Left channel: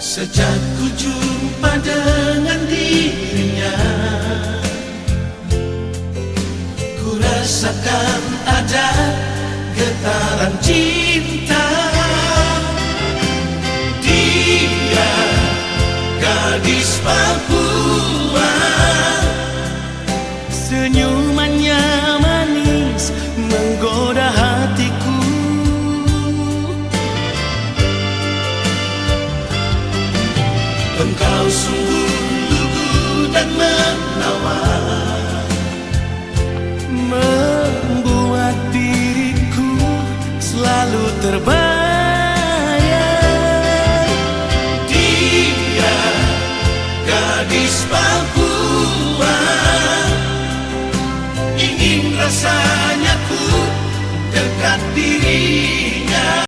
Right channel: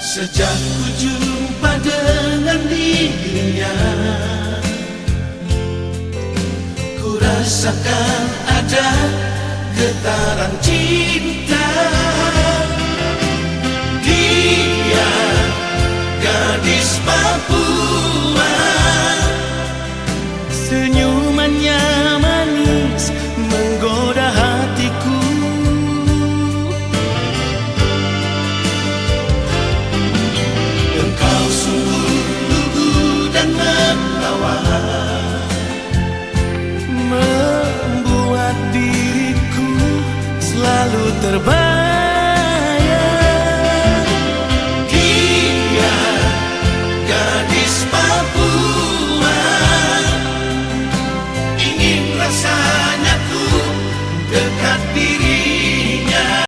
Sejak ku jumpa dengan dirinya, ku rasakan ada getaran cinta. Dia gadis Papua, senyumannya manis menggoda hatiku. Engkau sungguh lugu dan menawan, membuat diriku selalu terbang